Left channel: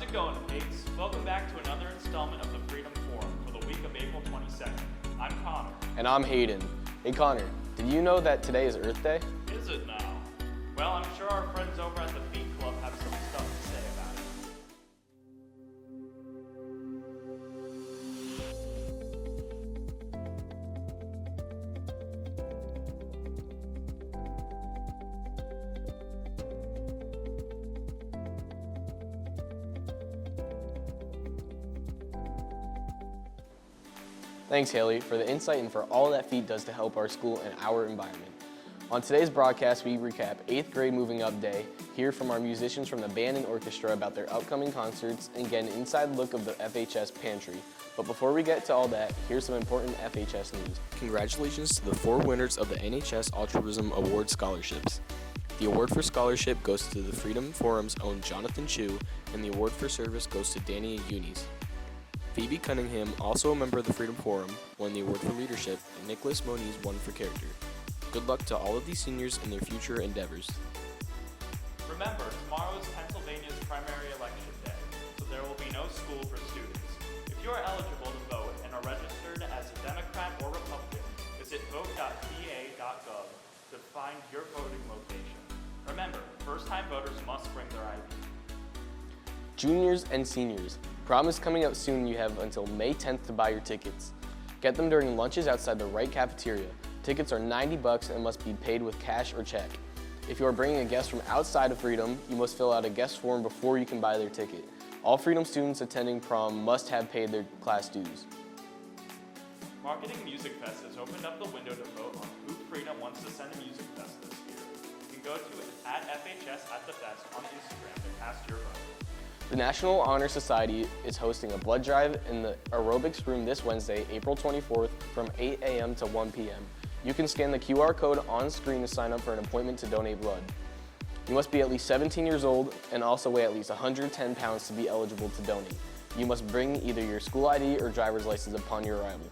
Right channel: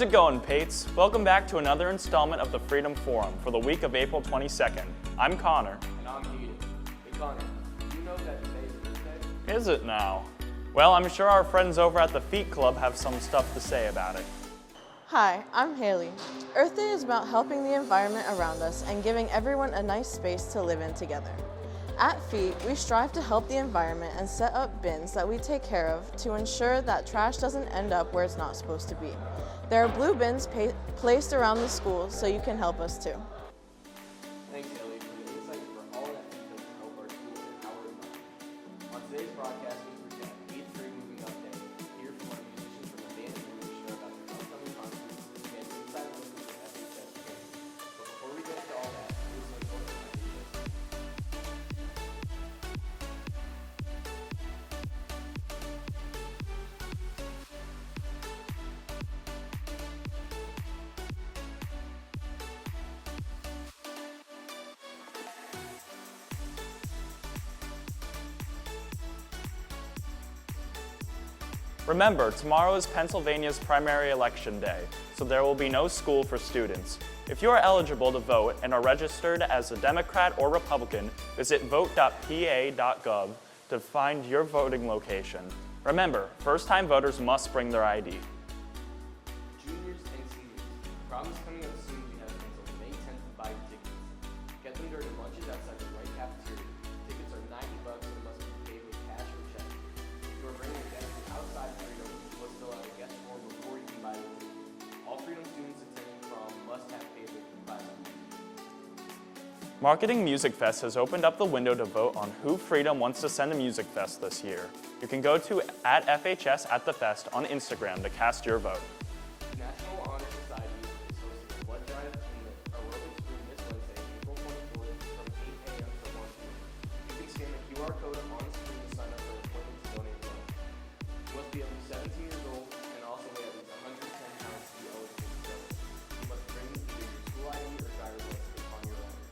How's it going, Pates? Welcome back to another installment of the Freedom Forum for the week of April 22nd. I'm Connor. And I'm Hayden. Hey Connor, did you know that today is Earth Day? Is it now? Well, I'm sure our friends over at the Feet Club have some stuff to say about it. Hi, I'm Haley. Earth Day is about helping the environment around us and giving everyone a nice space to live in together. At Feet, we strive to help the environment and set up bins that we take care of to ensure that trash doesn't end up where it's not supposed to be. There are blue bins placed around the school, so you can help us too. Thanks Haley for the insight and for all that Feet does to help our school and our environment. On today's broadcast, we recap 8th grade Moving Up Day, hear from our musicians from the band and orchestra about their upcoming concerts, and get an inside look of the FHS Pantry. But before we get to all that, here's some important FHS news. Congratulations to the 4 winners of the NHS Altruism Award scholarships. The award for scholarship goes to the Freedom Forum's own Jonathan Chu, and the award for service goes to Danny and Eunice. Phoebe Cunningham, also a member of the Freedom Forum, won the award for leadership, and Nicholas Moniz won for character. Good luck to all of these seniors in their future endeavors. Remember, tomorrow is Pennsylvania's primary election day, so there will be no school for students. If you are eligible to vote and are registered as a Democrat or Republican, visit vote.pa.gov to find your voting location. Remember, first-time voters must bring their ID. Juniors and seniors, prom is coming up soon and you have until May 10th to buy your tickets. Get them during lunches outside the right cafeteria. Tickets are $90 and must be paid with cash or check. If you are bringing a guest from outside of Freedom, you must fill out a guest form before you can buy their ticket. All Freedom students attending prom must have paid their class dues. Marketing Music Fest has opened up the window to vote on who Freedom wants to send to Music Fest this year. You can go to @FHS at the Fest on Instagram to cast your vote. The National Honor Society is hosting a blood drive in the aerobics room this Wednesday, April 24th from 8 a.m. to 1 p.m. You can scan the QR code on screen to sign up for an appointment to donate blood. You must be at least 17 years old and also weigh at least 110 pounds to be eligible to donate. You must bring either your school ID or driver's license upon your arrival.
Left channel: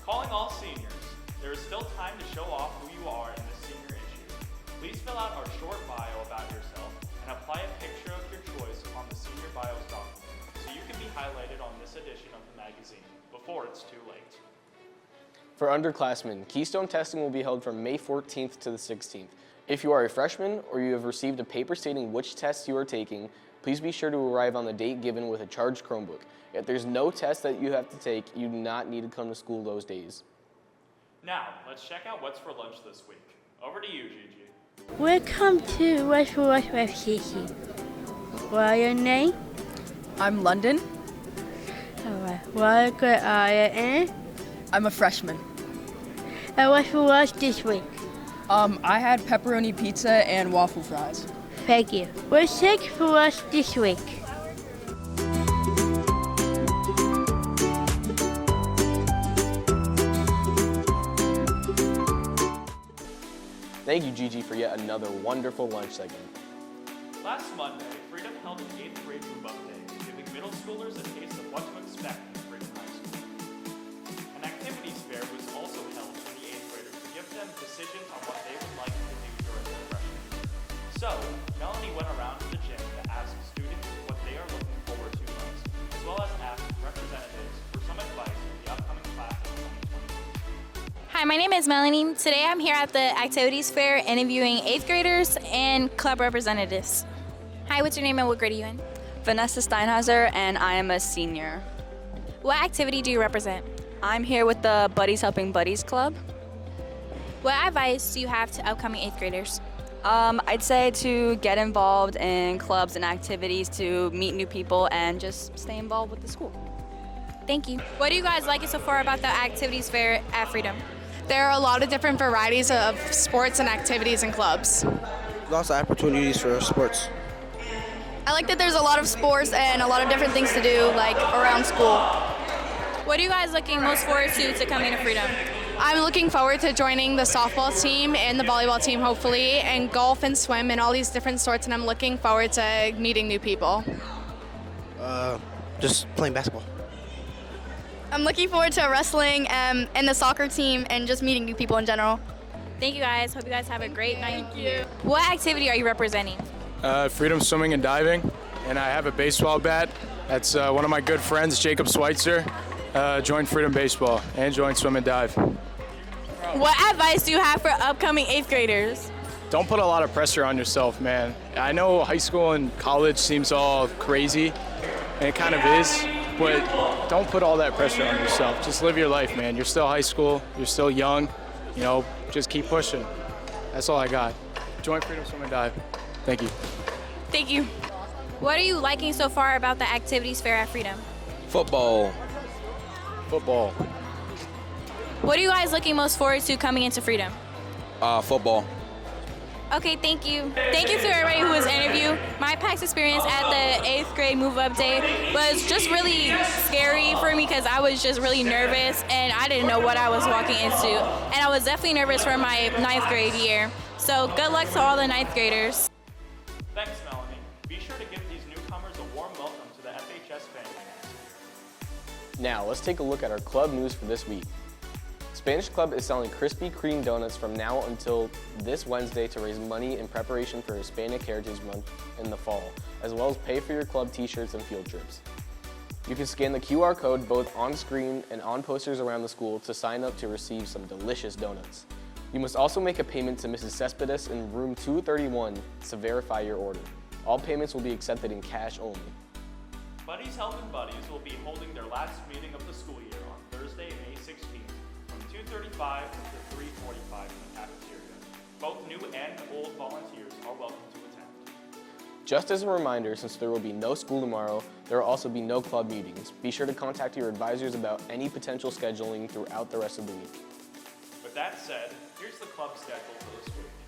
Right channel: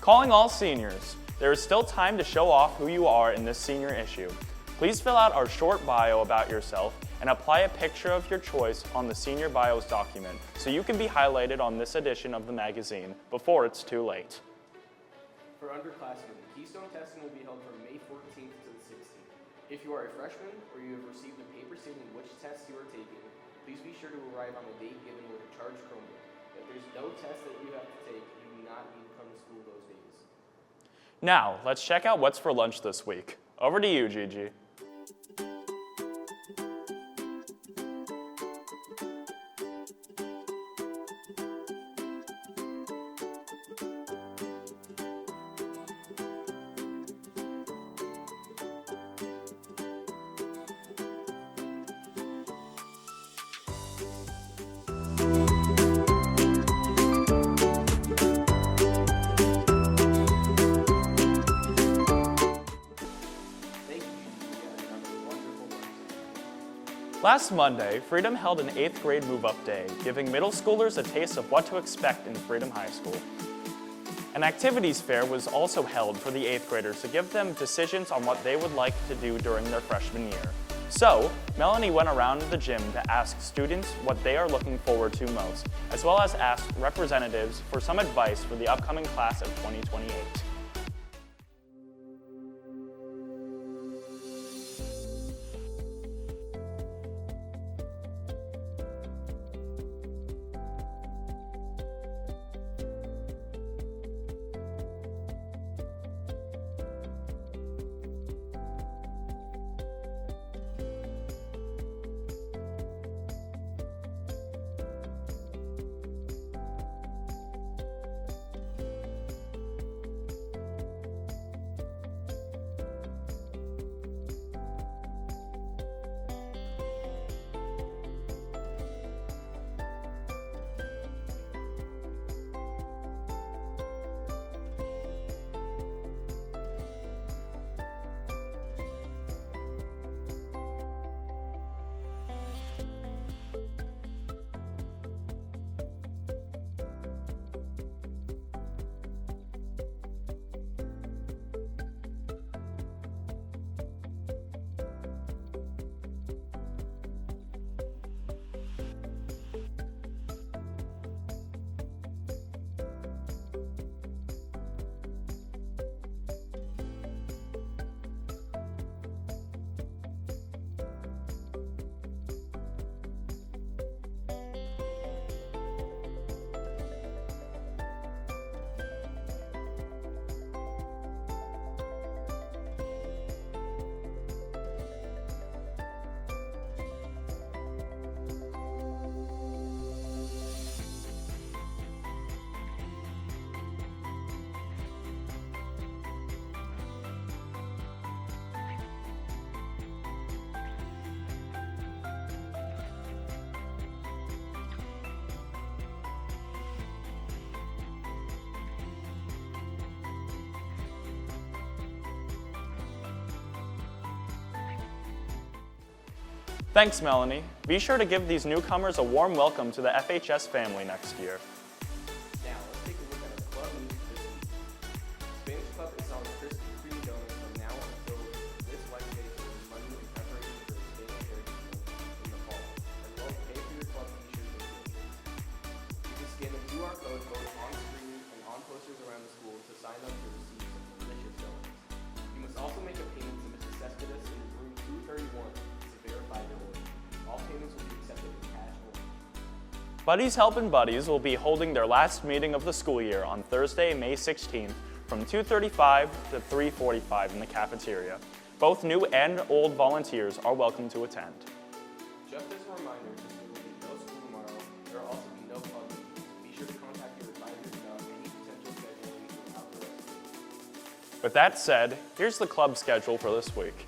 Calling all seniors. There is still time to show off who you are in this senior issue. Please fill out our short bio about yourself and apply a picture of your choice on the Senior Bios document so you can be highlighted on this edition of the magazine before it's too late. For underclassmen, Keystone testing will be held from May 14th to the 16th. If you are a freshman or you have received a paper stating which tests you are taking, please be sure to arrive on the date given with a charged Chromebook. If there's no test that you have to take, you do not need to come to school those days. Now, let's check out what's for lunch this week. Over to you, Gigi. Welcome to What's for Lunch with Kiki. What is your name? I'm London. What grade are you in? I'm a freshman. And what's for lunch this week? I had pepperoni pizza and waffle fries. Thank you. What's next for lunch this week? Thank you, Gigi, for yet another wonderful lunch segment. Last Monday, Freedom held an 8th grade move-up day, giving middle schoolers a taste of what to expect in Freedom High School. An activities fair was also held for the 8th graders to give them decisions on what they would like to do during their freshman year. So, Melanie went around the gym to ask students what they are looking forward to most, as well as ask representatives for some advice for the upcoming class of 2028. Hi, my name is Melanie. Today I'm here at the activities fair interviewing 8th graders and club representatives. Hi, what's your name and what grade are you in? Vanessa Steinhauser, and I am a senior. What activity do you represent? I'm here with the Buddies Helping Buddies Club. What advice do you have to upcoming 8th graders? I'd say to get involved in clubs and activities to meet new people and just stay involved with the school. Thank you. What do you guys like so far about the activities fair at Freedom? There are a lot of different varieties of sports and activities and clubs. Lots of opportunities for sports. I like that there's a lot of sports and a lot of different things to do, like around school. What are you guys looking most forward to coming to Freedom? I'm looking forward to joining the softball team and the volleyball team, hopefully, and golf and swim and all these different sorts, and I'm looking forward to meeting new people. Just playing basketball. I'm looking forward to wrestling and the soccer team and just meeting new people in general. Thank you guys. Hope you guys have a great night. Thank you. What activity are you representing? Freedom swimming and diving. and I have a baseball bat. That's one of my good friends, Jacob Schweitzer, joined Freedom Baseball and joined Swim and Dive. What advice do you have for upcoming 8th graders? Don't put a lot of pressure on yourself, man. I know high school and college seems all crazy, and it kind of is, but don't put all that pressure on yourself. Just live your life, man. You're still high school, you're still young, just keep pushing. That's all I got. Join Freedom Swim and Dive. Thank you. Thank you. What are you liking so far about the activities fair at Freedom? Football. Football. What are you guys looking most forward to coming into Freedom? Football. Okay, thank you. Thank you to everybody who was interviewed. My past experience at the 8th grade move-up day was just really scary for me because I was just really nervous and I didn't know what I was walking into. And I was definitely nervous for my 9th grade year. So good luck to all the 9th graders. Thanks, Melanie. Be sure to give these newcomers a warm welcome to the FHS family next year. Now, let's take a look at our club news for this week. Spanish Club is selling Krispy Kreme donuts from now until this Wednesday to raise money in preparation for Hispanic Heritage Month in the fall, as well as pay for your club t-shirts and field trips. You can scan the QR code both on screen and on posters around the school to sign up to receive some delicious donuts. You must also make a payment to Mrs. Cespedes in room 231 to verify your order. All payments will be accepted in cash only. Buddies Helpin' Buddies will be holding their last meeting of the school year on Thursday, May 16th from 2:35 to 3:45 in the cafeteria. Both new and old volunteers are welcome to attend. Just as a reminder, since there will be no school tomorrow, there will also be no club meetings. Be sure to contact your advisors about any potential scheduling throughout the rest of the week. With that said, here's the club schedule for this week.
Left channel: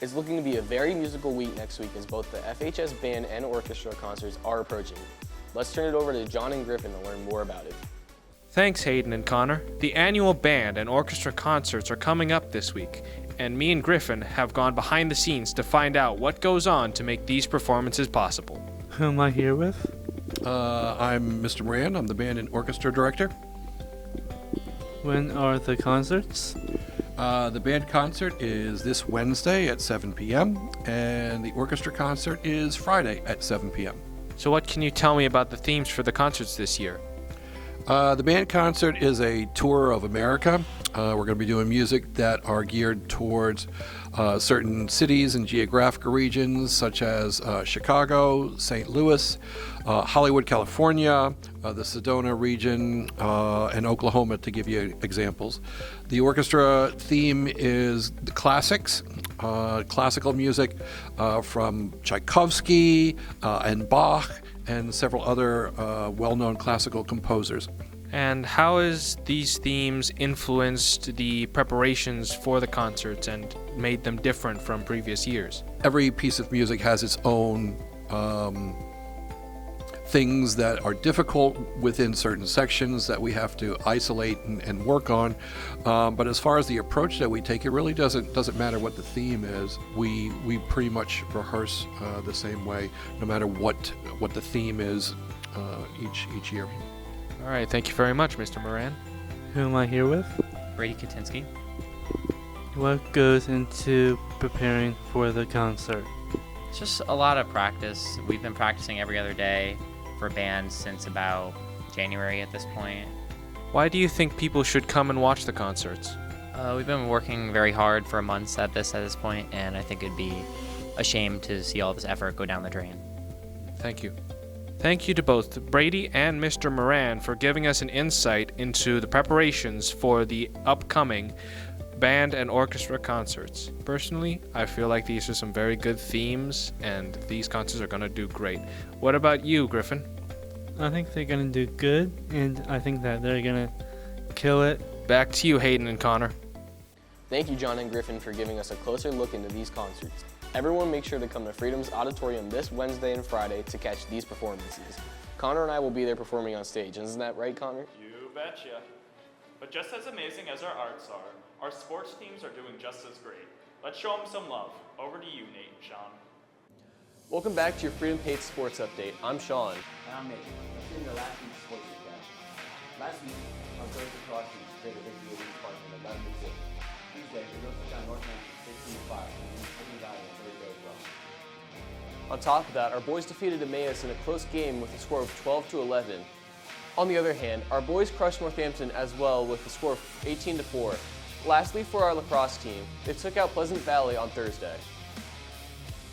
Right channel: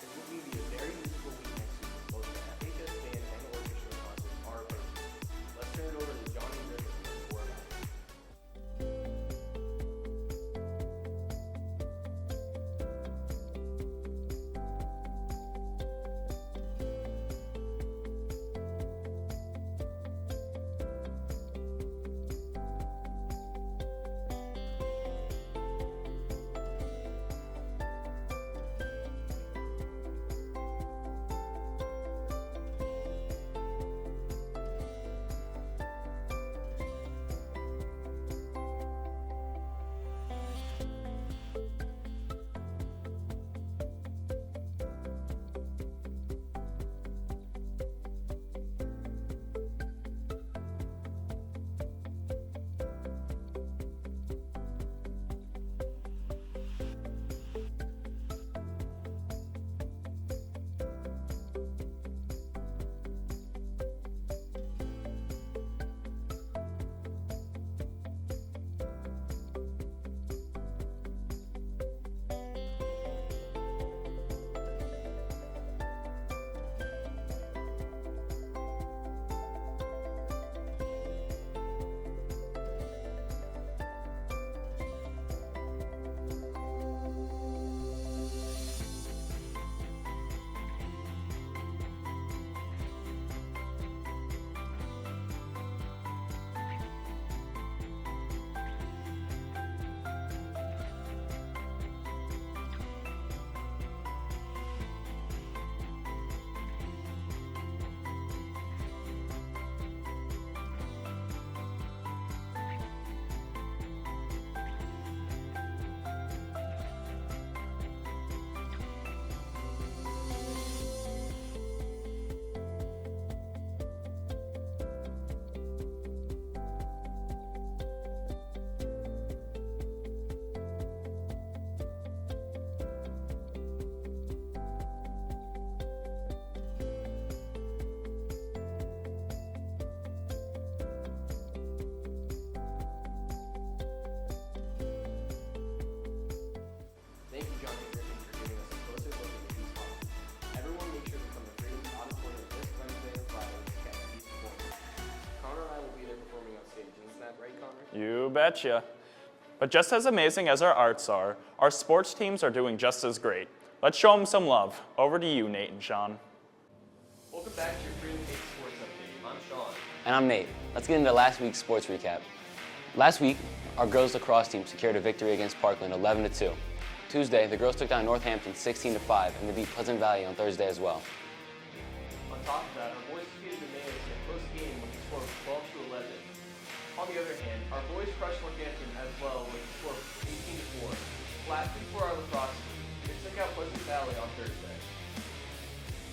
It's looking to be a very musical week next week as both the FHS band and orchestra concerts are approaching. Let's turn it over to John and Griffin to learn more about it. Thanks, Hayden and Connor. The annual band and orchestra concerts are coming up this week, and me and Griffin have gone behind the scenes to find out what goes on to make these performances possible. Who am I here with? I'm Mr. Moran. I'm the band and orchestra director. When are the concerts? The band concert is this Wednesday at 7 p.m. and the orchestra concert is Friday at 7 p.m. So what can you tell me about the themes for the concerts this year? The band concert is a tour of America. We're going to be doing music that are geared towards certain cities and geographical regions such as Chicago, St. Louis, Hollywood, California, the Sedona region, and Oklahoma, to give you examples. The orchestra theme is the classics, classical music from Tchaikovsky and Bach, and several other well-known classical composers. And how has these themes influenced the preparations for the concerts and made them different from previous years? Every piece of music has its own things that are difficult within certain sections that we have to isolate and work on. But as far as the approach that we take, it really doesn't matter what the theme is. We pretty much rehearse the same way, no matter what the theme is each year. All right, thank you very much, Mr. Moran. Who am I here with? Brady Katinsky. What goes into preparing for the concert? It's just a lot of practice. We've been practicing every other day for bands since about January at this point. Why do you think people should come and watch the concerts? We've been working very hard for months at this point, and I think it'd be a shame to see all this effort go down the drain. Thank you. Thank you to both Brady and Mr. Moran for giving us an insight into the preparations for the upcoming band and orchestra concerts. Personally, I feel like these are some very good themes, and these concerts are going to do great. What about you, Griffin? I think they're going to do good, and I think that they're going to kill it. Back to you, Hayden and Connor. Thank you, John and Griffin, for giving us a closer look into these concerts. Everyone make sure to come to Freedom's Auditorium this Wednesday and Friday to catch these performances. Connor and I will be there performing on stage. Isn't that right, Connor? You betcha. But just as amazing as our arts are, our sports teams are doing just as great. Let's show them some love. Over to you, Nate and Sean. Welcome back to your Freedom Pates Sports Update. I'm Sean. And I'm Nate. Let's get into last week's sports recap. Last week, our girls lacrosse team secured a victory against Parkland 11-2. Tuesday, the girls took down Northampton 16-5 and they beat Pleasant Valley on Thursday as well. On top of that, our boys defeated Emmaus in a close game with a score of 12-11. On the other hand, our boys crushed Northampton as well with a score of 18-4. Lastly, for our lacrosse team, they took out Pleasant Valley on Thursday.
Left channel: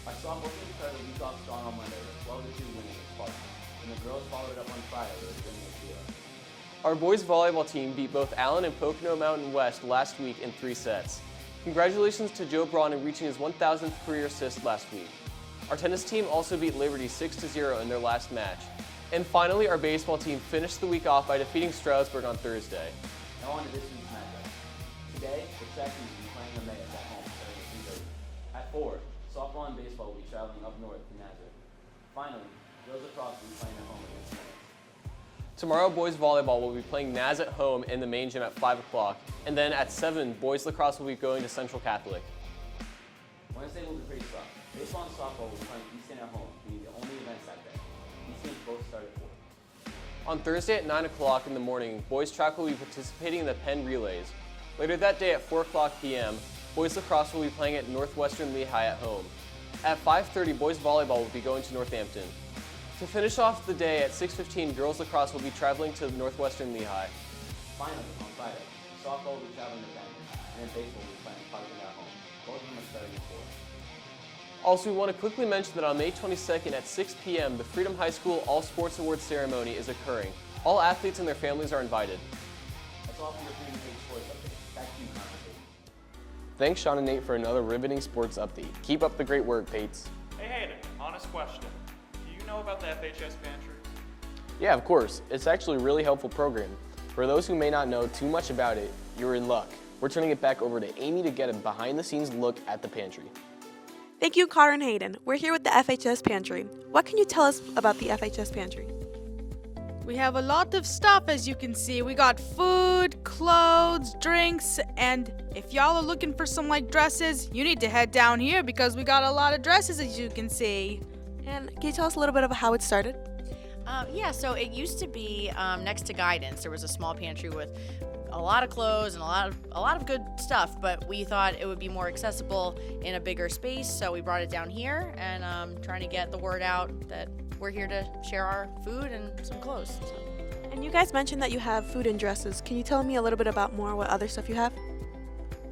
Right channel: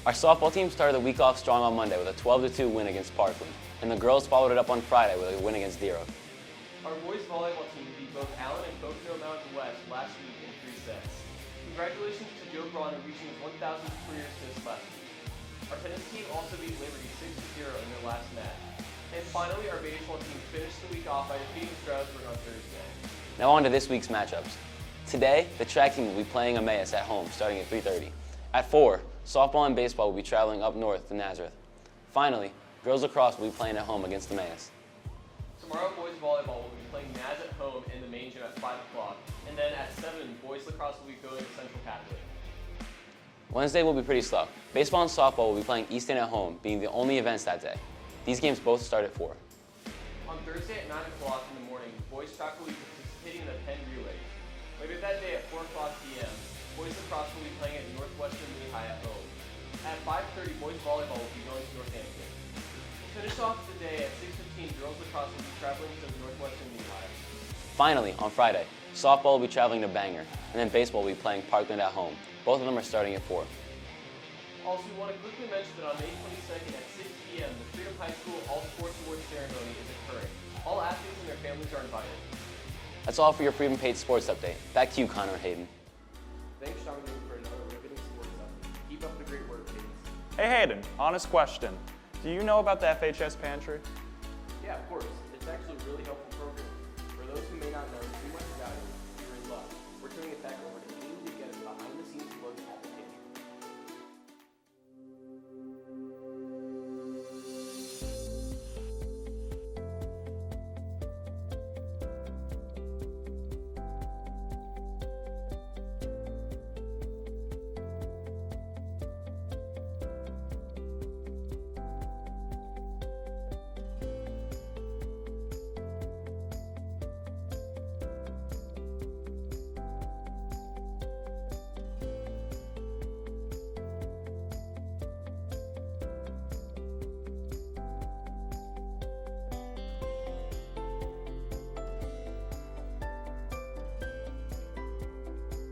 Our softball team started the week off strong on Monday with a 12-2 win against Parkland, and the girls followed it up on Friday with a win against Dero. Our boys volleyball team beat both Allen and Pocono Mountain West last week in 3 sets. Congratulations to Joe Braun in reaching his 1,000th career assist last week. Our tennis team also beat Liberty 6-0 in their last match. And finally, our baseball team finished the week off by defeating Stroudsburg on Thursday. Now on to this week's matchups. Today, the track team will be playing Emmaus at home starting at 3:30. At 4, softball and baseball will be traveling up north to Nazareth. Finally, girls lacrosse will be playing at home against Emmaus. Tomorrow, boys volleyball will be playing Naz at home in the main gym at 5 o'clock. And then at 7, boys lacrosse will be going to Central Catholic. Wednesday will be pretty slow. Baseball and softball will be playing Easton at home, being the only events that day. These games both start at 4. On Thursday at 9 o'clock in the morning, boys track will be participating in the Penn Relays. Later that day at 4 o'clock p.m., boys lacrosse will be playing at Northwestern Lehigh at home. At 5:30, boys volleyball will be going to Northampton. To finish off the day at 6:15, girls lacrosse will be traveling to Northwestern Lehigh. Finally, on Friday, softball will be traveling to Bangor, and then baseball will be playing Parkland at home. Both of them are starting at 4. Also, we want to quickly mention that on May 22nd at 6 p.m., the Freedom High School All Sports Awards ceremony is occurring. All athletes and their families are invited. That's all for your Freedom Pates Sports Update. Back to you, Connor and Hayden. Thanks, Sean and Nate, for another riveting sports update. Keep up the great work, Pates. Hey Hayden, honest question. Do you know about the FHS Pantry? Yeah, of course. It's actually a really helpful program. For those who may not know too much about it, you're in luck. We're turning it back over to Amy to get a behind-the-scenes look at the pantry. Thank you, Connor and Hayden. We're here with the FHS Pantry. What can you tell us about the FHS Pantry? We have a lot of stuff, as you can see. We got food, clothes, drinks, and if y'all are looking for some dresses, you need to head down here because we got a lot of dresses, as you can see. And can you tell us a little bit about how it started? Yeah, so it used to be next to guidance. There was a small pantry with a lot of clothes and a lot of good stuff, but we thought it would be more accessible in a bigger space, so we brought it down here and trying to get the word out that we're here to share our food and some clothes. And you guys mentioned that you have food and dresses. Can you tell me a little bit about more what other stuff you have?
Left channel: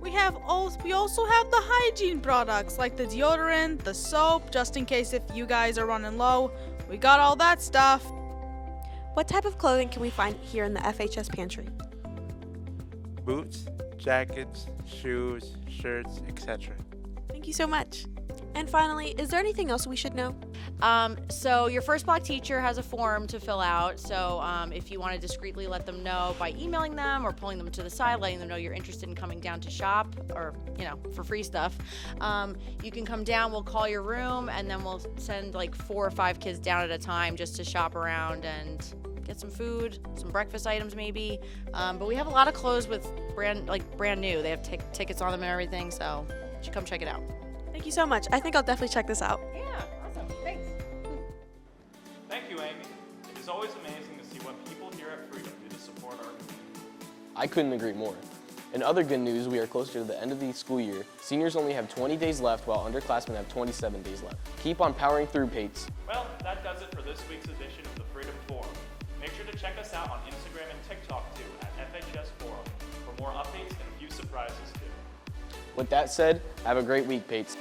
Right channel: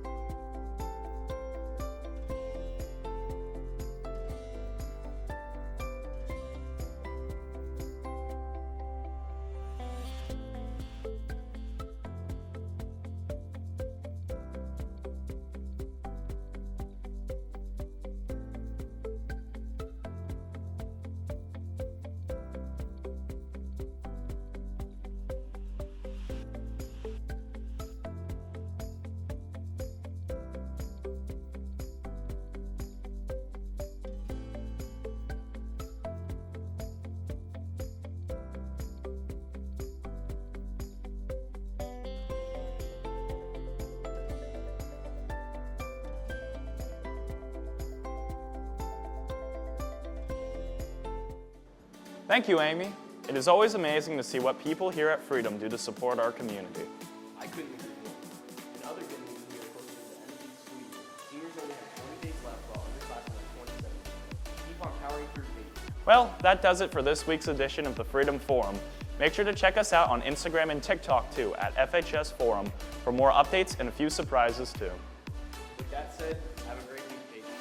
We also have the hygiene products like the deodorant, the soap, just in case if you guys are running low. We got all that stuff. What type of clothing can we find here in the FHS Pantry? Boots, jackets, shoes, shirts, etc. Thank you so much. And finally, is there anything else we should know? So your first block teacher has a form to fill out. So if you want to discreetly let them know by emailing them or pulling them to the side, letting them know you're interested in coming down to shop or, for free stuff, you can come down, we'll call your room, and then we'll send 4 or 5 kids down at a time just to shop around and get some food, some breakfast items maybe. But we have a lot of clothes with brand new. They have tickets on them and everything, so you should come check it out. Thank you so much. I think I'll definitely check this out. Thank you, Amy. It is always amazing to see what people here at Freedom do to support our community. I couldn't agree more. In other good news, we are closer to the end of the school year. Seniors only have 20 days left, while underclassmen have 27 days left. Keep on powering through, Pates. Well, that does it for this week's edition of the Freedom Forum. Make sure to check us out on Instagram and TikTok too, at FHS Forum, for more updates and a few surprises too. With that said, have a great week, Pates.